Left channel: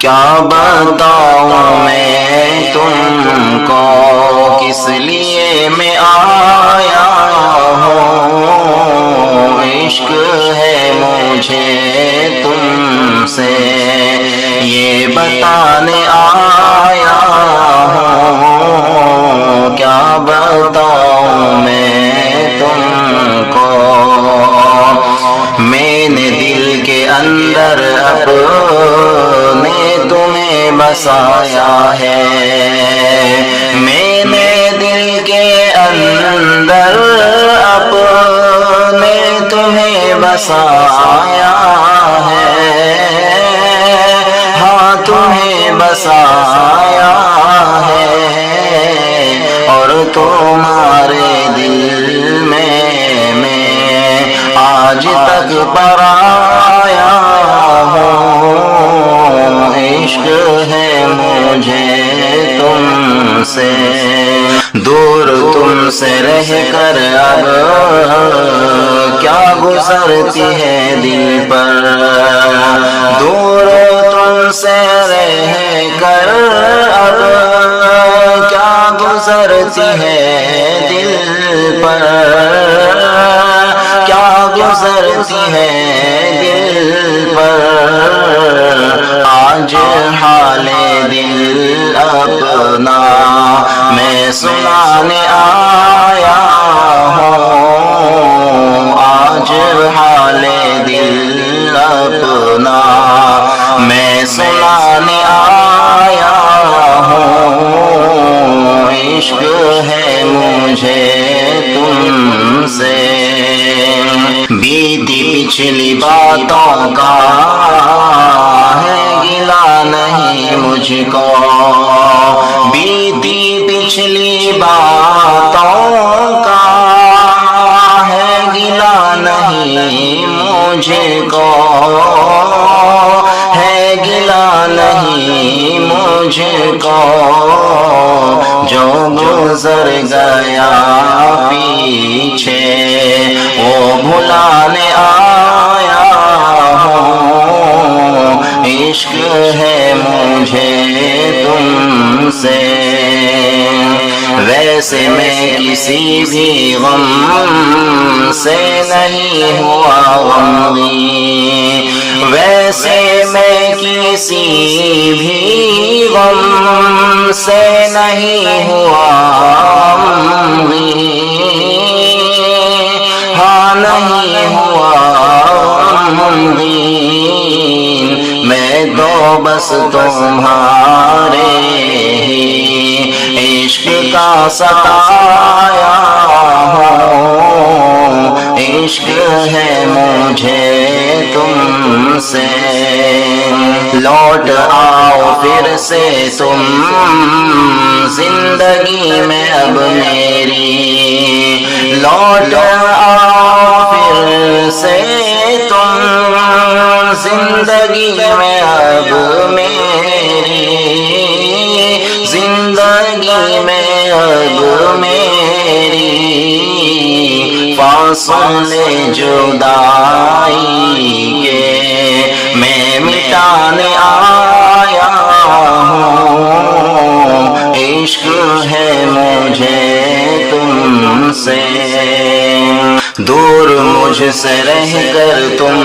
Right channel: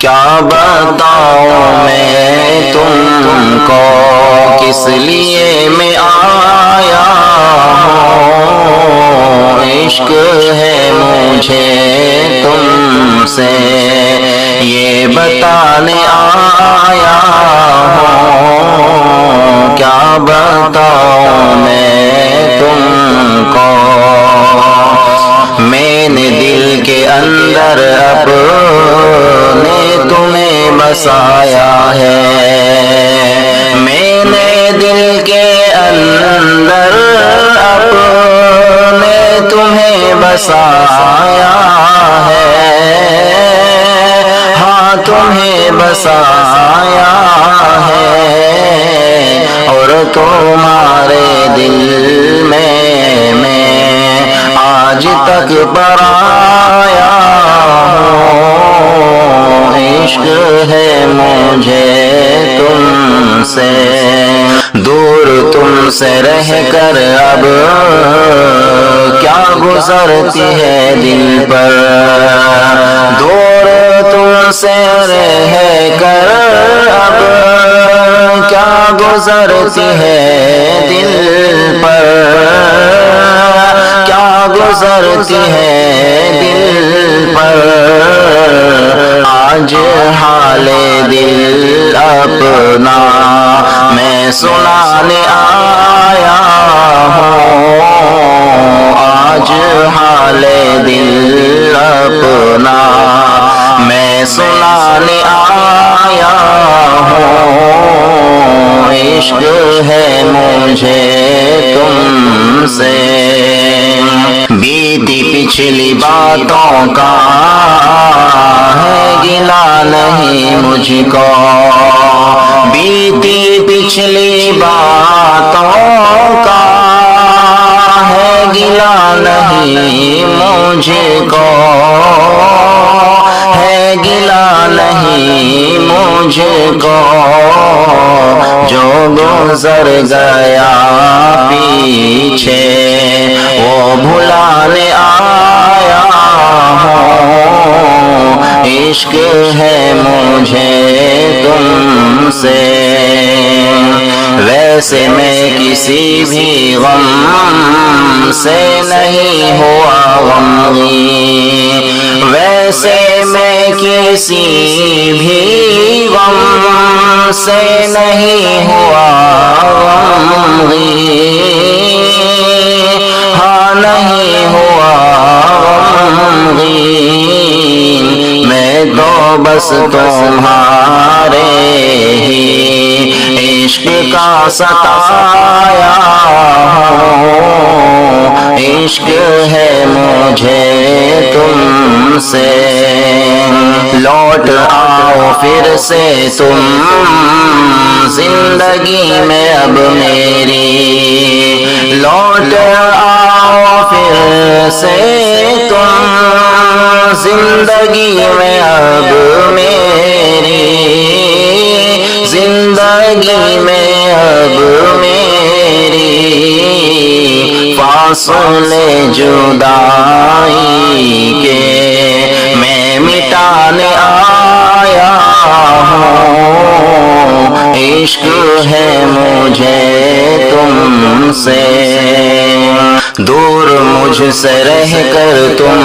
کیا بتاؤں میں تم کو کس لیے میں آیا ہوں، عشق ہے مجھے تم سے یہ بتانے آیا ہوں، کیا بتاؤں میں تم کو، میں نے دل کے اندر اپنے تمہیں بسایا ہے، میں نے دل کے اندر اپنے تمہیں بسایا ہے، ہاں تمہیں بسایا ہے، اور تمہارے دل میں آج تک پرایا ہوں، عشق ہے مجھے تم سے، دور تم سے رہ کر اب کیا گزرتی ہے دل پر، دور تم سے رہ کر اب کیا گزرتی ہے دل پر، کیا گزرتی ہے دل پر، آج حال دل اپنا میں سنانے آیا ہوں، آج حال دل اپنا میں سنانے آیا ہوں، عشق ہے مجھے تم سے، بیتی پچھلی باتوں کا ہے گلا نہیں مجھ کو، بیتی پچھلی باتوں کا ہے گلا نہیں مجھ کو، ہے گلا نہیں مجھ کو، جو گزر گیا پیچھے وہ بھلانے آیا ہوں، عشق ہے مجھے تم سے، ویسے میں کسی بھی غم سے نہیں ہوا غمگین، ویسے میں کسی بھی غم سے نہیں ہوا غمگین، ہاں نہیں ہوا غمگین، میں تو بس تمہارے ہی عشق کا ستایا ہوں، عشق ہے مجھے تم سے، لوٹ آؤ پھر سے تم زندگی میں اب میری، لوٹ آؤ پھر سے تم زندگی میں اب میری، زندگی میں اب میری، فاصلے جدائی کے میں مٹانے آیا ہوں، عشق ہے مجھے تم سے، دور مجھ سے رہ کر تم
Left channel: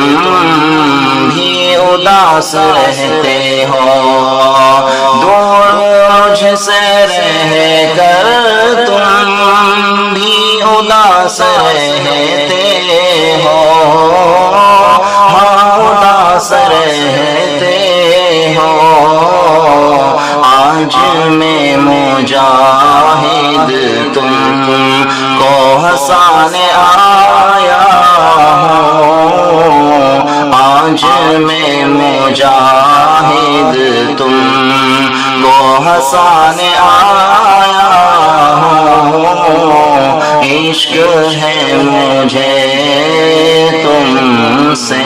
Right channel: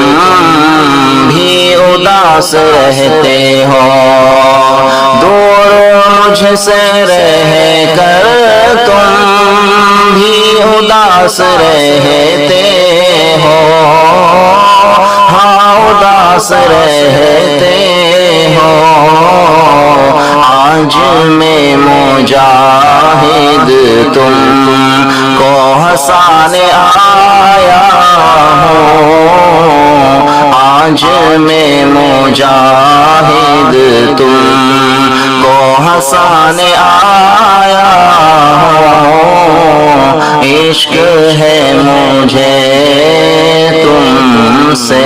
بھی اداس رہتے ہو، دور مجھ سے رہ کر تم بھی اداس رہتے ہو، ہاں اداس رہتے ہو، آج میں مجاہد تم کو ہنسانے آیا ہوں، آج میں مجاہد تم کو ہنسانے آیا ہوں، عشق ہے مجھے تم سے۔